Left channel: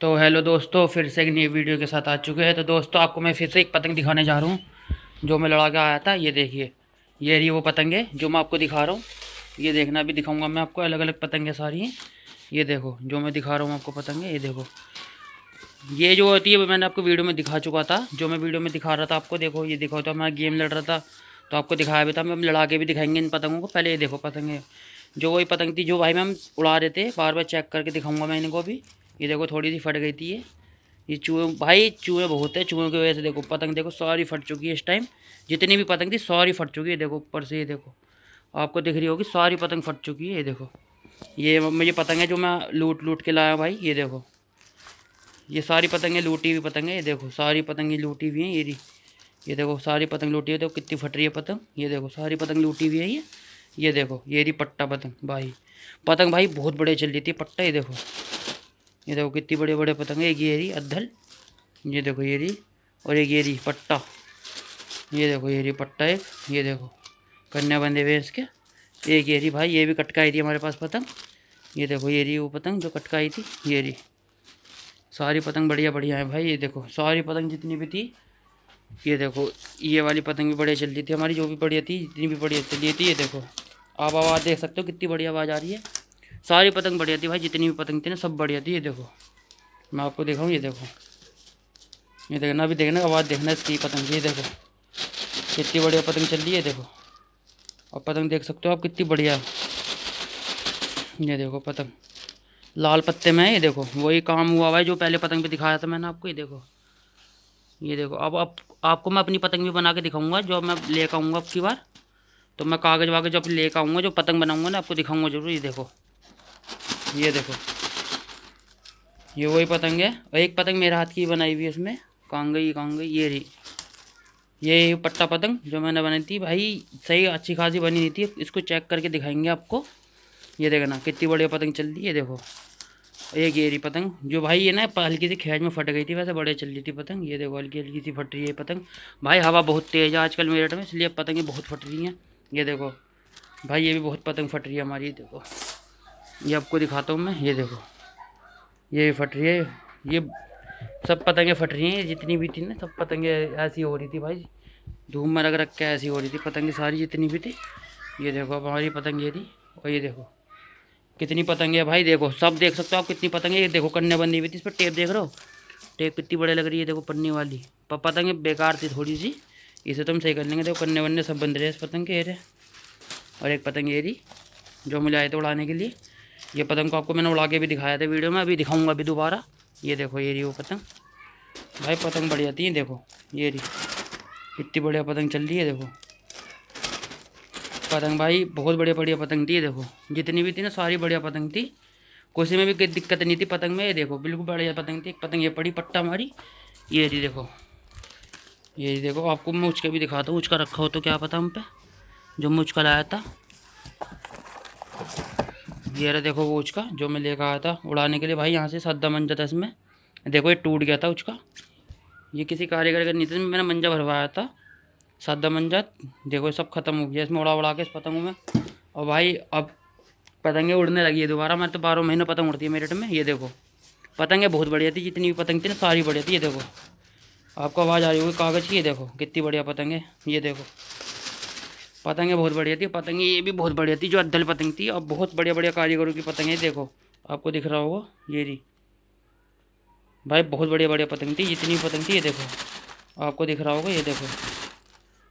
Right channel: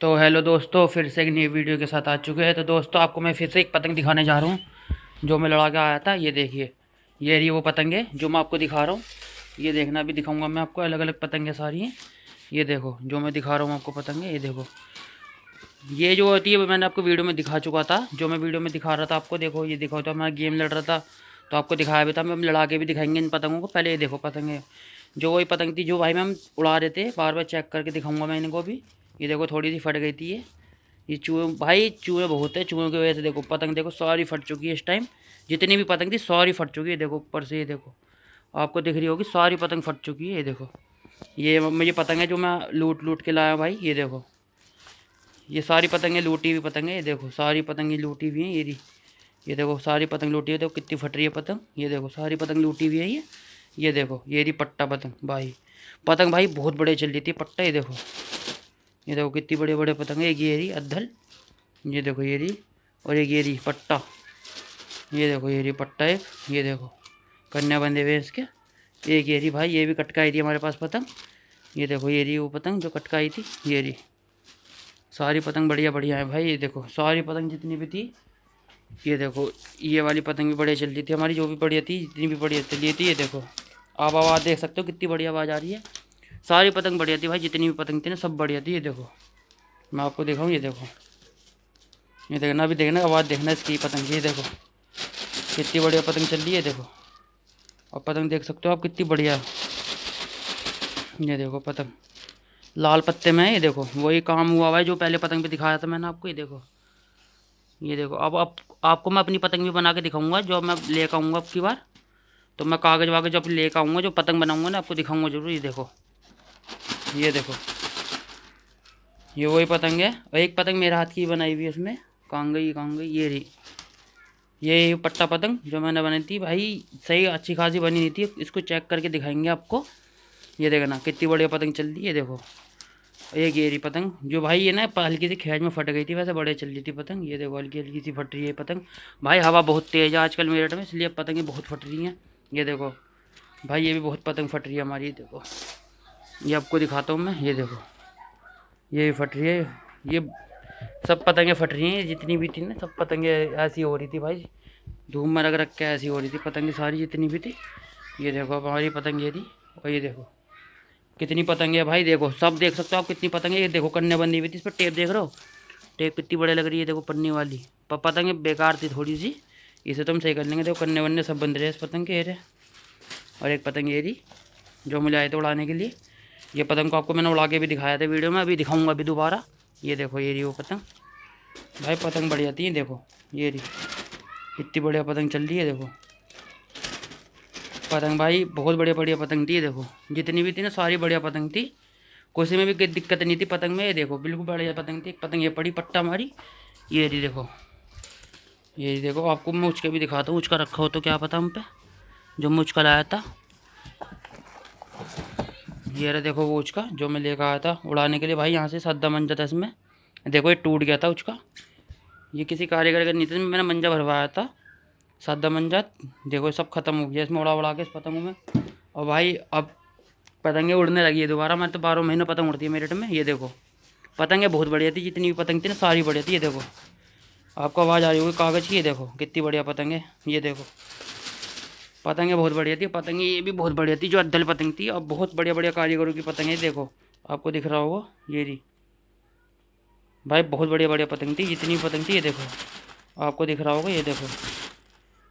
तो हेलो दोस्तों, फिर से एक नई वीडियो के साथ आ चुके हैं। तो दोस्तों, आपको मैं फिर से एक पतंग दिखाने जा रहा हूँ जो मैं लड़ा के आया था। ये देखिए, ये रही वो पतंग है जो मैं आपको दिखा रहा हूँ। ये देखना, भी दिखाऊंगा मैं आपको, अलग अलग पतंगें सारी हैं। ये देखो जो मैं दिखा रहा हूँ आपको पतंग है, ये देखो। ये जो होती है वो मैंने आपको वीडियो में दिखा चुका था, जो मैं वीडियो में दिखा रहा था आपको। देखो ये देखो, तो मैं गेम लड़ रहा था तो आपको दिखाया भी था। मैं लड़ा के भी दिखाएंगे इन पतंगों को। पहले ये देखो पतंगें, जो वही पतंग थी जो भाई मैं हम उड़ा रहे थे, बार बार चेक करके दिखाऊंगा मैं इनको भी। ये देखो थोड़ी सी फट गई थी ये चूहे, भाई चूहे बहुत है। चूहों की वजह से देखो पतंग देखो सारी फट चुकी है इस टाइम। जितनी भी पतंग थी सारी फट चुकी है। देखो ऊपर से, ये देखो आपको दिख रही होगी, सारी पतंग फट चुकी है। ये देखो, ये मुझे पतंग है जो मैं लूट लूट के लाया भाई। ये देखो, ये सारी पतंगें लूटी हुई पतंग है। ये देखो सारी पतंगें लूटी हुई हैं। ये देखो सारी पतंग लूटी है। देखो कितनी फट रही है पतंग। ये देखो सारी पतंग लूटी हुई है ये देखो, ये रही पट्टा पतंग भाई। पतंग भाई बहुत बड़े चल रही थी पट्टा। ये देखो कितनी बड़े बड़े पतंग है। एक ये रही अद्धल, ये देखो ये रही, और एक ये रही पट्टा। ये देखो ये रही पट्टा एक, ये देखो कन्या बंधे हुए इसके। एक ये रही भाई, ये भी कटकाई थी हमारे पास पतंग। ये देखो ये रही वो पतंग जो कटकाई थी। ये रही सारी पतंग बढ़िया बढ़िया है भाई। ये देखो सारी पतंग जितनी भी थी, ये देखो ये वाली पतंग भी बढ़िया चल रही थी हमारी, जो भी बढ़िया थी, जितनी भी बढ़िया चली थी। ये देखो आप आवाज़ देख सकते हो कितनी बढ़िया आवाज़ आ रही है। सारी पतंग बढ़िया थी भाई, जितनी भी पतंग थी ना सब बढ़िया थी। ये देखो मैं आपको दिखाऊँ, ये देखो, ये देखना, अभी देखना आवाज़ देखना इसकी पतंग। ये देखो कितनी बढ़िया पतंग चल रही है। देखो और पतंग देख सकते हो आप कितनी बढ़िया है। ये देखो पतंग लाल पत्ते में है। ये देखो वही काम हुआ हुआ है जो पहले पतंग पे दिखाया था मैंने आपको। ये देखो, ये देखो अब आपको मैं अपनी पतंग भी बना के दिखाऊंगा जो मैं लेकर आऊँगा अब की बार। तो मैं कागज़ वागज जब लेकर आऊँगा, जो पतंग बनाऊँगा ना, आपको दिखाऊँगा जरूर। ये देखो, ये देखो ये वही पतंग है। और एक पतंग मेरे हाथ की बनाई हुई है इसमें। कहाँ गई ये रही, ये पट्टा पतंग जो मैंने बनाई थी भाई। सही अच्छी खासी बनी नहीं थी, इसको चेक करके दिखाएंगे आपको। ये देखना कितनी बढ़िया पतंग चल रही है। देखो एक ये रही पतंग जो भाई ये ना हल्की सी खैज में फट गई थी, वैसे बड़े चल रही थी पतंग। ये देखो हल्की हल्की सी फट रही है पतंग भाई। हवा बहुत तेज़ है आजकल मेरठ में, इसलिए पतंगें बहुत फट रही हैं। ये देखो भाई, ये भी बहुत पतंग फट रही है हमारी। देखो ये आपको दिखाता हूँ मैं। ये देखो ये फट रही है, ये सब पतंगें फट रही हैं जितनी भी थी ना, सब पतंगें ऐसी हो रही थी भाई। धूम में रख रख के ऐसी हो रही थी पतंगें सारी जितनी भी थी। ये देखो अब हमारी पतंग ये थी, और ये देखो कितनी पतंगे है भाई। देखो सब देख सकते हो आप कितनी पतंगे। ये देखो कन्या बंधी हुई थी, इस पर टेप देख रहे हो, टेप कितनी बढ़िया लग रही है। देखो पन्नी वाली पतंगे बेकार थी थोड़ी सी, इसे तो हम सही कर लेंगे। देखो कन्ने वन्ने सब बंध रहे हैं इस पतंग के। ये और एक पतंग ये रही जो मुझे आए थे उड़ाने के लिए। ये पतंग को आपको मैंने उड़ा के भी दिखाया था वीडियो में, अभी दिखाऊंगा अभी दोबारा। ये देखो ये रही वो पतंग भाई, पतंग बढ़िया थी। देखो ये रही कितनी बढ़िया पतंग चल रही है। देखो पतंग भाई बहुत बढ़िया बढ़िया पतंग थी। देखो जितनी भी थी ना सारी बढ़िया पतंग थी, किसी में भी कोई दिक्कत नहीं थी पतंग में। ये देखो बिल्कुल बढ़िया पतंग थी। एक पतंग ये पड़ी पट्टा हमारी, ये रही देखो। ये देखो आपको मैं उचका भी दिखाता हूँ, उचका रखा हो तो क्या पता हम पे, जो मैं उचका लाया था। ये रहा देखो वो उचका जो मैं लेकर आया था उड़ाने के लिए भाई। यहाँ से सद्दा मंजा था इसमें, देखो ये टूट गया था उचका। ये किसी कारीगर का नहीं था, मैंने मंजा भरवाया था सादा मंजा। देखो सब खत्म हो गया इसमें उड़ा उड़ा के इस पतंगों में। और भाई अब पतंगे उड़ने लगी है दोबारा। मैं तो 12 महीने पतंग उड़ती है मेरठ में। ये देखो पतंगे बहुत बढ़िया थी, जितनी भी पतंग थी ना सारी बढ़िया थी। ये देखो आपको आवाज़ आ रही होगी कागज़ की। ये देखो कितनी बढ़िया पतंग है। ये देखो पतंगे बहुत बढ़िया थी। पतंगे ये भी बहुत बढ़िया थी जो अद्दल पतंग थी, और बहुत बढ़िया बढ़िया कारीगरों की पतंग है। देखो आपको दिख रहा होगा ये रही भाई, बहुत बढ़िया बढ़िया पतंग थी जितनी भी पतंग थी। ये देखो आपको दिख रहा होगा, ये देखो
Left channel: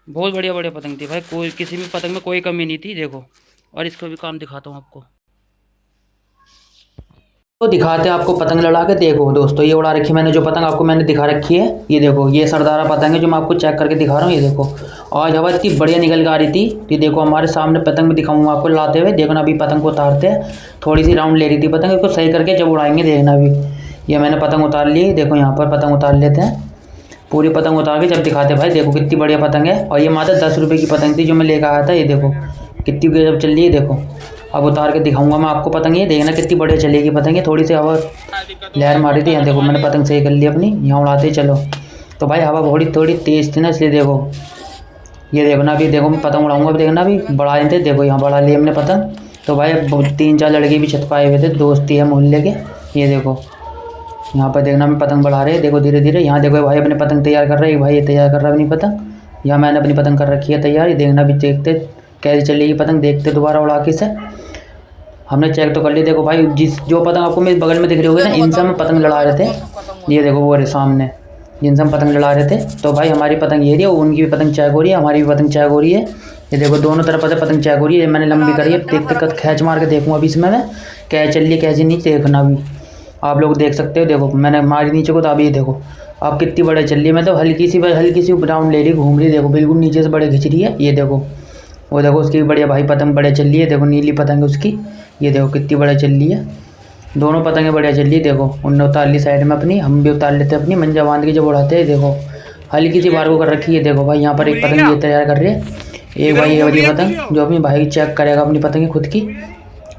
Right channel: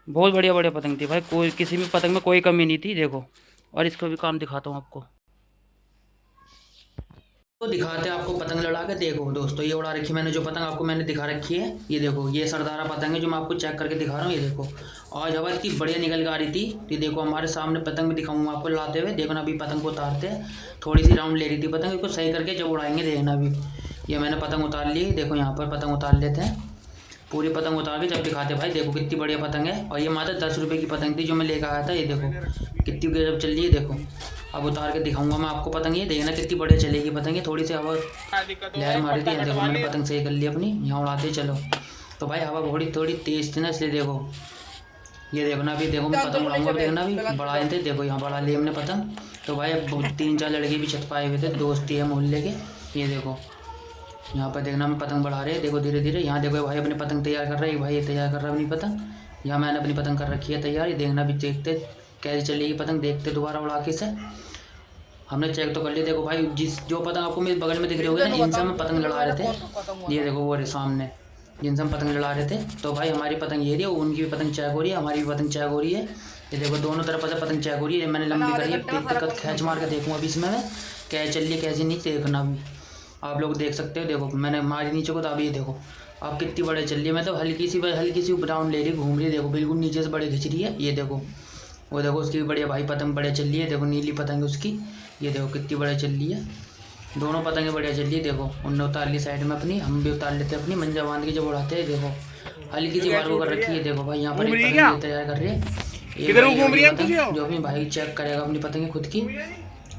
बहुत बढ़िया बढ़िया पतंग थी भाई, कोई किसी भी पतंग में कोई कमी नहीं थी। देखो और इसका भी काम दिखाता हूँ आपको, तो दिखाते हैं आपको पतंग लड़ा के। देखो दोस्तों ये उड़ा रखी मैंने जो पतंग आपको मैंने दिखा रखी है। ये देखो ये सरदारा पतंग है जो मैं आपको चेक करके दिखा रहा हूँ। ये देखो आज हवा इतनी बढ़िया निकल के आ रही थी। ये देखो हमारे सामने पतंग भी दिखाऊंगा आपको लाते हुए। देखो ना अभी पतंग को उतारते हैं, थोड़ी सी राउंड ले रही थी पतंग, इसको सही करके जब उड़ाएंगे देखना। अभी ये मैंने पतंग उतार ली। देखो यहाँ पर पतंग उतार लेते हैं, पूरी पतंग उतार के जब दिखाते हैं भाई। देखो कितनी बढ़िया पतंग है, और ये मात्र 10 रुपये की पतंग थी जो मैं लेकर आया था। ये देखो कितनी गजब चल रही है। देखो अब उतार के दिखाऊंगा मैं आपको पतंग। ये देखना कितनी बढ़िया चलेगी पतंग। ये थोड़ी सी हवा लहर मारी थी, यहाँ देखो मैंने पतंग सही कर ली अपनी, यहाँ उड़ाते चलो। तो भाई हवा थोड़ी थोड़ी तेज़ थी ना, इसलिए देखो ये देखना। अभी देखो मैं पतंग उड़ाऊंगा, अभी देखना अभी बढ़ा रहे थे। देखो यहाँ बढ़ा लिया हमने पतंग। तो भाई 3-4 लड़के भी छत पर आए हुए थे, दोस्ती है मोहल्ले के। ये देखो यहाँ पर देखना मैं पतंग बढ़ा रहे हैं, देखो धीरे धीरे। यहाँ देखो भाई अपने पतंग तैयार कर रहे हैं, भाई ये तैयार कर रहा है अपनी पतंग। यहाँ मैंने अपनी पतंग कर रखी है तैयार। ये देखना भी, देखते कैसे चलेगी पतंग, देखते दोबारा उड़ा के से। हमने चेक तो कर लिया। देखो भाई जो पतंग आपको मेरे बगल में दिख रही होगी ना, इनसे हम पतंग लड़ा रहे थे। ये देखो वो सामने जिनसे हम पतंग लड़ा रहे थे। तो भाई हमारी पतंग ये रही है, उनकी भी पतंग चेक हो रही है, हमारी भी पतंग चेक हो रही है। ये देखो दोनों तरफ से पतंग चेक हो रही है। मैंने लंबी करी है, देखते कद खींच मार के देखूँगा अभी इसमें मैं क्या चल रही है कैसे नहीं, देखना भी आप लोग देख सकते हो। देखो मैंने मारी नीचे को, तो अभी ये देखो आप कितनी बड़े चल रही है। मतलब हल्की सी राउंड ले रही, घूम रही, देखो बिल्कुल नीचे से बड़े खिंच रही है। ये देखो वो देखो उसकी बढ़िया भाई पतंग बढ़िया चल रही है। देखो नीली पतंग है उसकी, ये देखो कितनी बढ़िया चल रही है। दोनों पतंगें बढ़िया चल रही है। देखो उनने उतार ली साइड में अपनी, हम भी उतार लेते हैं अपनी मंजा बांध के जब उड़ाते हैं। देखो हल्की सी बार को कर रखी है। देखो भाई यहाँ पर एक पतंग ये तैयार कर रही है, एक भाई ये वाली पतंग जो अपनी भाई चेक करेगा अपनी पतंग खुद की।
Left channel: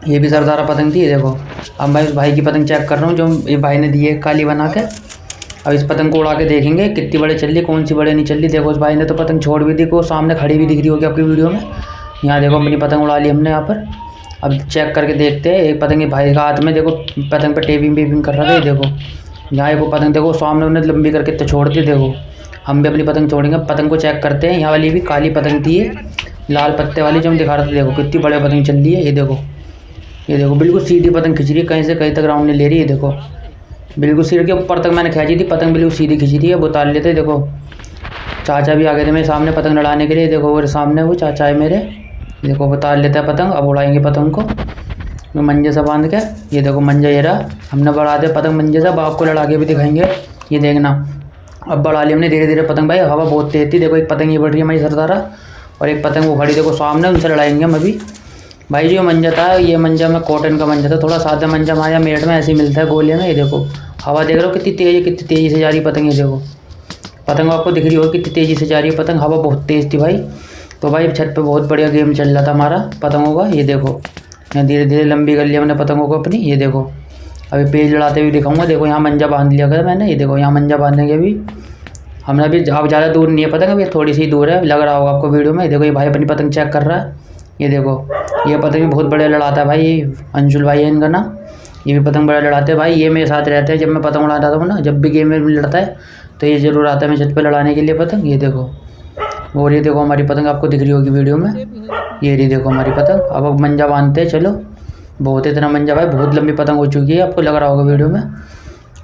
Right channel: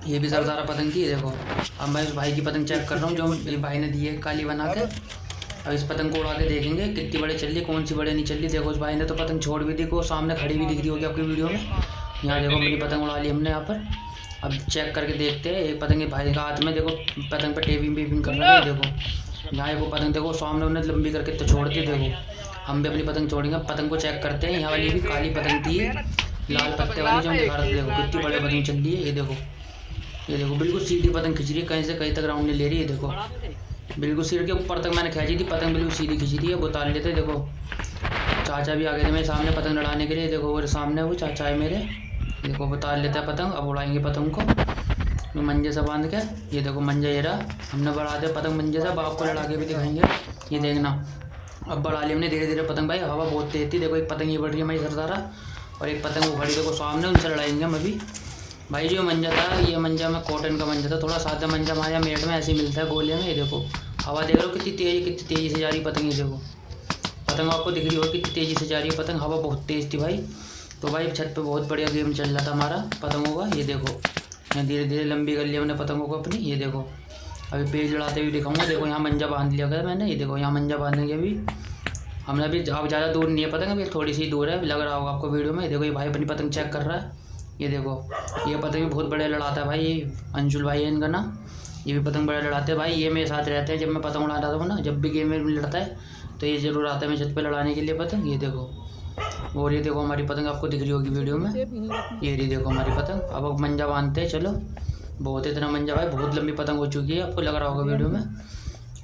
ये भी सरदारा पतंग थी। ये देखो अब मैं उस भाई की पतंग चेक कर रहा हूँ जो ये भाई ने दी है काली बना के। अब इस पतंग को उड़ा के देखेंगे कितनी बड़े चल रही, कौन सी बड़े नहीं चल रही। देखो उस भाई ने तो पतंग छोड़ भी दी, को सामने खड़ी भी दिख रही होगी आपकी वीडियो में। यहाँ देखो अपनी पतंग उड़ा ली हमने यहाँ पर। अब चेक करके देखते हैं। एक पतंग भाई का हाथ में देखो पतंग पर टेपिंग कर रहा है। देखो यहाँ वो पतंग देखो सामने उन्हें लंबी करके तो छोड़ दी। देखो हम भी अपनी पतंग छोड़ेंगे, पतंग को चेक करते हैं। यहाँ वाली भी काली पतंग थी, लाल पत्ते वाली जो हम दिखा रहे थे। देखो कितनी बड़े पतंग चल रही है। ये देखो बिल्कुल सीधी पतंग खिंच रही है, कहीं से कहीं तक राउंड नहीं ले रही है। देखो बिल्कुल सिर के ऊपर तक मैंने खींची थी, पतंग बिल्कुल सीधी खिंच रही है। वो उतार लेते। देखो चाचा भी आ गए थे मेरे सामने पतंग लड़ाने के लिए। देखो वो सामने वो चाचा है मेरे। देखो उतार लेता है पतंग। अब उड़ाएंगे पतंग को मंजे से बांध के। ये देखो मंजा ये रहा, हमने बढ़ा दिया पतंग मंजे से। अब आपको लड़ा के भी दिखाएंगे, ये देखना। अब बढ़ा लिया हमने धीरे धीरे पतंग। भाई हवा बहुत तेज थी। देखो एक पतंग ये बढ़ रही है हमारी सरदारा, और एक पतंग वो खड़ी देखो सामने, उनसे लड़ाएंगे हम अभी। भाई जो मंजा था, ये मंजा में कॉटन का मंजा था, थोड़ा सादा मंजा हमारे मेड़ में ऐसे ही मिलता है गोलियाँ में। ये देखो हवा देख रहे हो कितनी तेज़ है, कितनी तेज़ी से जा रही है पतंग। ये देखो पतंग आपको दिख रही हो कितनी तेज़ी से जा रही है पतंग, हवा बहुत तेज़ थी भाई। तो भाई छत पे बहुत बढ़िया गेम चल रहा था हमारा पतंगों का। ये देखो मैं धीरे धीरे लंबी कर लिया हमने पतंगों को अपनी। ये देखो अभी पेज लड़ाते हुए दिखाऊंगा। देखो यहाँ मंजा बांध लिया था मैंने। ये देखो यहाँ मंजा बांधने के अभी हमने अभी अब ज़्यादा दूर नहीं है पतंग, अभी थोड़ी सी दूर है, लग रहा होगा आपको वीडियो में। देखो ये भाई अपनी पतंग चेक कर रहा है। ये देखो ये पतंग भी बहुत बढ़िया लड़ाता है भाई, ये अंशुल भाई है इनका नाम। ये भी पतंग बड़ा लड़ाते हैं भाई, ये मेरे साथ रहते हैं जब मैं पतंग उड़ाता हूँ ना। जब भी गेम में लड़ता है तो ये ज़रूर आता है मैं छत पे लड़ाने के लिए पतंग। ये देखो और ये देखो हमारी पतंग आपको दिख रही होगी वीडियो में। ये रही देखो हमारी पतंग। अब मंजा बांधते हैं चलो। बहुत इतना मंजा भाई, बहुत लंबी पतंग हो चुकी है, आपको लग रहा होगा वीडियो में।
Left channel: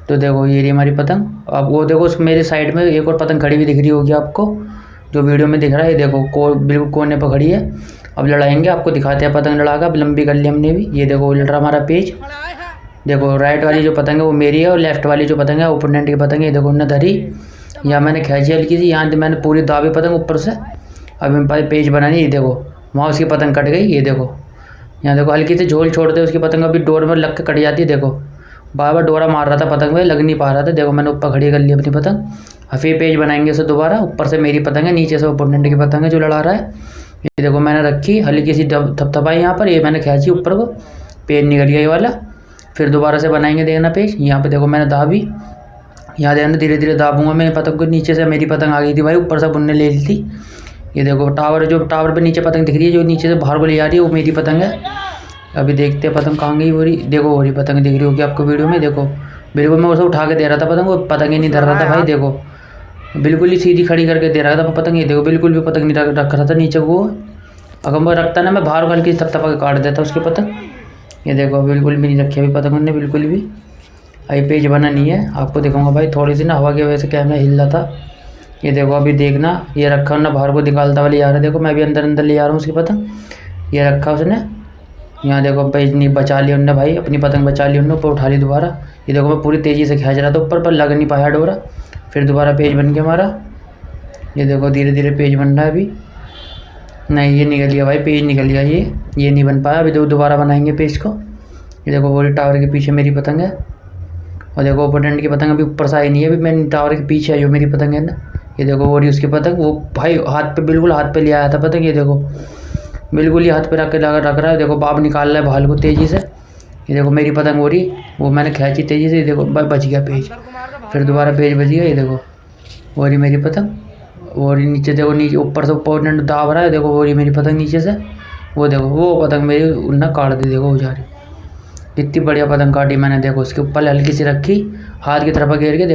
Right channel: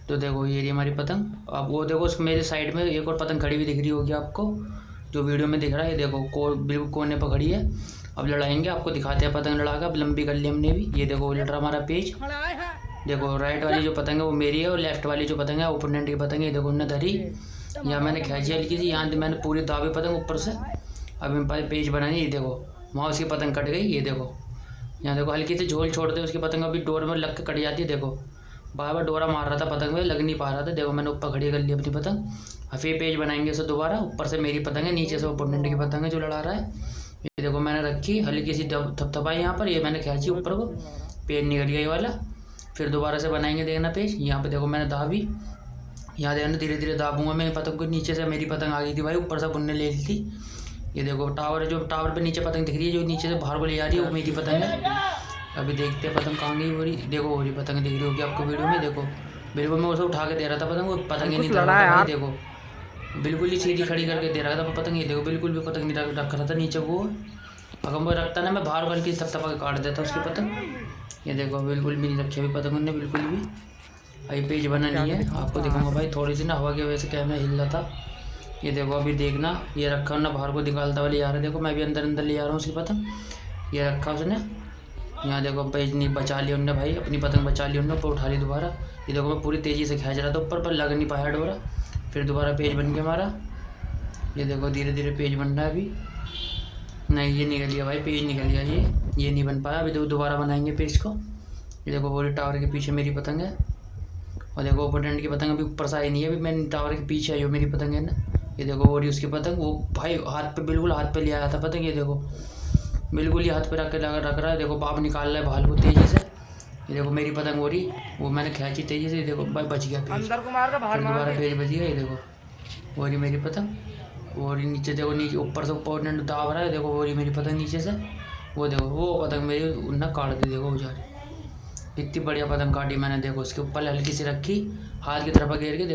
तो देखो ये रही हमारी पतंग। अब वो देखो मेरे साइड में एक और पतंग खड़ी हुई दिख रही होगी आपको, जो वीडियो में दिख रहा है। ये देखो बिल्कुल कोने पर खड़ी है। अब लड़ाएंगे, आपको दिखाते हैं पतंग लड़ा कर। अब लंबी कर ली हमने भी। ये देखो लड़ रहा हमारा पेज। देखो राइट वाली जो पतंग है वो मेरी है, और लेफ्ट वाली जो पतंग है ओपोनेंट की पतंग है। ये देखो उन्होंने धरी, यहाँ मैंने खींची हल्की सी, यहाँ मैंने पूरी दाबी पतंग ऊपर से। अब मेरे पास पेज बनानी। ये देखो वहाँ उसकी पतंग कट गई। ये देखो यहाँ देखो हल्की से झोल छोड़ते उसकी पतंग अभी डोर में लग के कट जाती है। देखो बार बार डोरा मार रहा था पतंग में, लग नहीं पा रहा था। देखो मैंने ऊपर खड़ी कर ली अपनी पतंग। अब फिर पेज बनाएंगे उसे दोबारा। ऊपर से मेरी पतंग है, नीचे से ओपोनेंट की पतंग है जो लड़ा रहा है। ये देखो मैंने रखी हल्की सी थपथपाई यहाँ पर, ये मैंने खींची ऊपर को, पेज निकल गया ये वाला। फिर दोबारा से बनाएंगे देखना पेज। यहाँ पे देखो मैंने दाबी, यहाँ देखना धीरे धीरे दाबूंगा मैं पतंग को। नीचे से मेरी पतंग आ गई थी भाई, ऊपर से बुनने ले ली थी। ये देखो टावर पे नीचे पतंग दिख रही है, जो नीचे से बाहर को ले जा रही है, वो मेरी पतंग है। अभी देखते हैं पतंग कहाँ गई हो रही। देखो हो रही पतंग दिख रही होगी आपको वीडियो में। देखो बिल्कुल मैं उसे उठा के दे रहा था पतंग, वो पतंग ही नहीं धर रहा था भाई। देखो बिल्कुल ही सीधी खड़ी करके दे रहा था पतंग। ये देखो बिल्कुल भी पतंग नहीं रख रहा था नीचे वो। अगर मैं रखता ना, मैं बाहर हल्की थपथपा के काट देता उसकी पतंग। ये देखो बिल्कुल भी नहीं रखी अभी पतंग उन्होंने, बिल्कुल भी। अभी पेज बना नहीं है, आपको दिखाऊंगा भाई। थोड़ी सी ना हवा की वजह से कैमरा हिल रहा था। ये देखो अभी देखना, ये रखा ना बाहर को निकालता वाली आ रहा है। देखो मैं भी अंदर अंदर ले जा रहा हूँ उसकी पतंग। ये रखा उसने, यहाँ देखो पेज नहीं बचा लिया उनने भाई, अपनी पतंग बचा ली उन्होंने, ऊपर उठा ली दोबारा। ये देखो मैं पूरी तेज़ी से खींच रहा था ऊपर, पर लग नहीं पाया डोरा। फिर दोबारा पेज बन गया हमारा। ये देखो धीरे धीरे पेज बन रहा है अभी। नहीं ये निकल गया भाई, पेज निकल गया ये नहीं बन पाया। अभी दोबारा बनाएंगे पेज को। ये देखो वो टावर के पीछे मेरी पतंग है, और देखो ओपोनेंट की पतंग अभी ऊपर से आई नहीं है, अभी मैं टावर के पीछे है जो मेरी पतंग है ना। ये देखो वो रही उसकी पतंग, वो भाई हाथ पे बिल्कुल हाथ पे ले आया था पतंग। ये देखो बिल्कुल ही हाथ पे रख रहा है। देखो बाप निकाल रहा है भाल को तेज़ी से। ये देखो मेरी पतंग हो रही, वो मैंने खींची तेज़ी से। ये देखो बच गया पेज, फिर दोबारा पेज बच गया। ये देखो वो रही मेरी पतंग, वो रही नीचे। देखो नीचे ऊपर से ओपोनेंट दाब रहा है। देखो वो रही मेरी पतंग नीचे से। वो देखो वो पतंग मेरी उन्हें काट दी। देखो वो जा रही, इतनी बढ़िया पतंग काटी मैंने। देखो उसके ऊपर हल्की सी रखी, हाथ की तरफ घेर के देखो।